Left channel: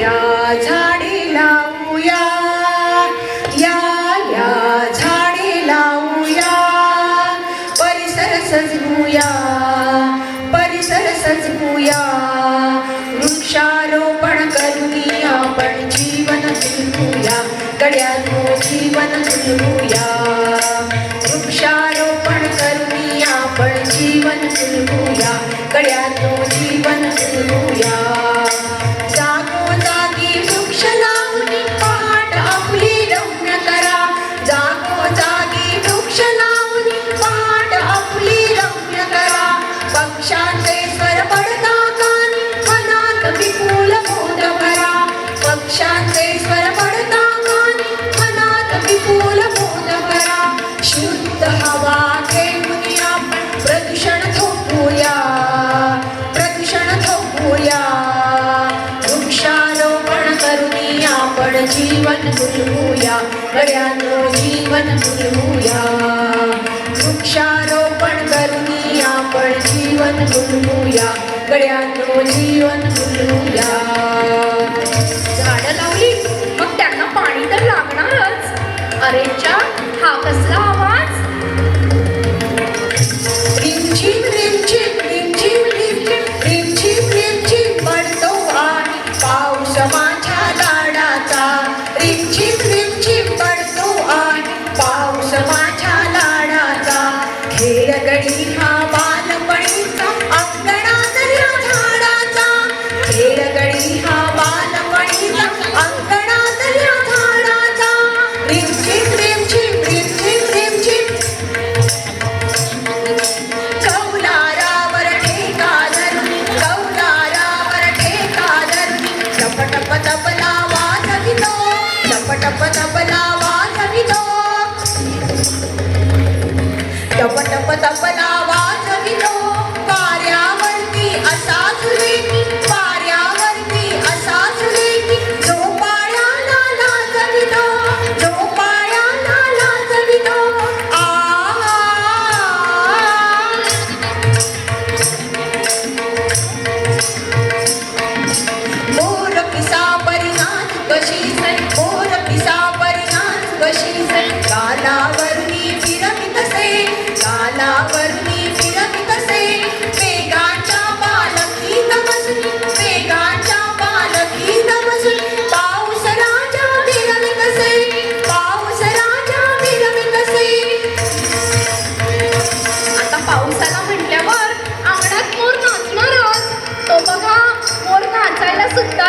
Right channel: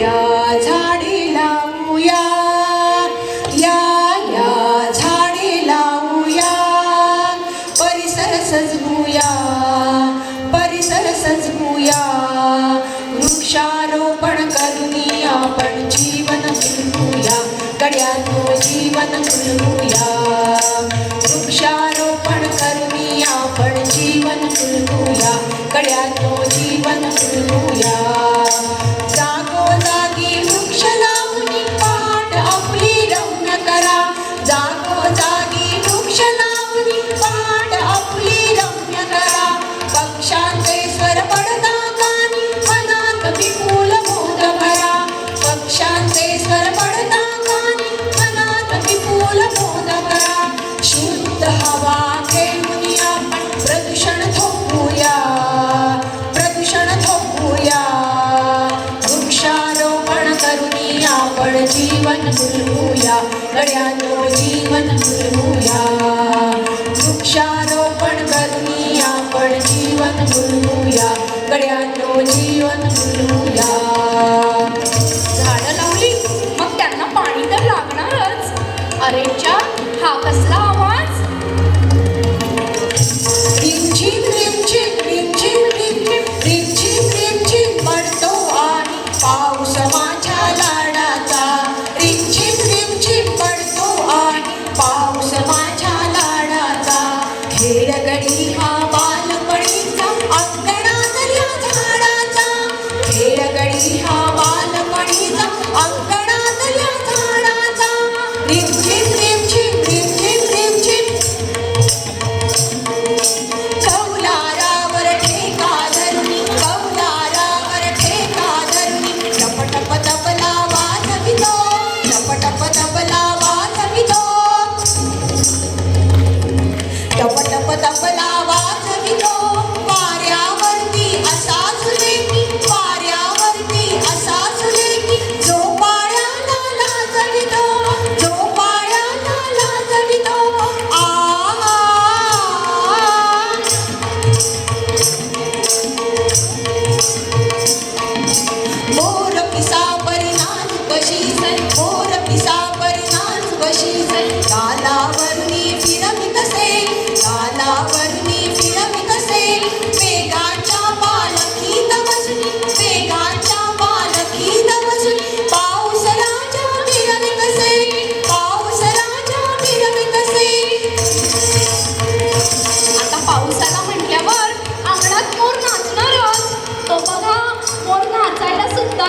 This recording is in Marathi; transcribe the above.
या लावूया. या या लावूया. परिसर सजवूया. परिसर सजवूया. वृक्षारोपण करूया. आपण जीवन फुलवूया गड्यानो जीवन वृक्षारोपण आपण जीवन फुलवूया जीवन वृक्षारोपण करूया पण जीवन फुलवूया गड्यानो जीवन खेळगडी हा बालपणीचा अंगणा झाडाचा. खेळगडी हा बालपणीचा अंगणा पिसा परिणाम कशी सैकोर पिसा परिणाम कशी सै कालावरुणी फिरमित से कालावरुणी फिरमित से वेगाच्या बालकी तपसुनी वेगाच्या बालकी तपसुनी पाऊस राजा फिरमित कसे पाऊस राजा फिरमित से आता पावसाला म्हटल्यावर आंगणात मोर नाचणारच तो बघा मोर नाचायला सुद्धा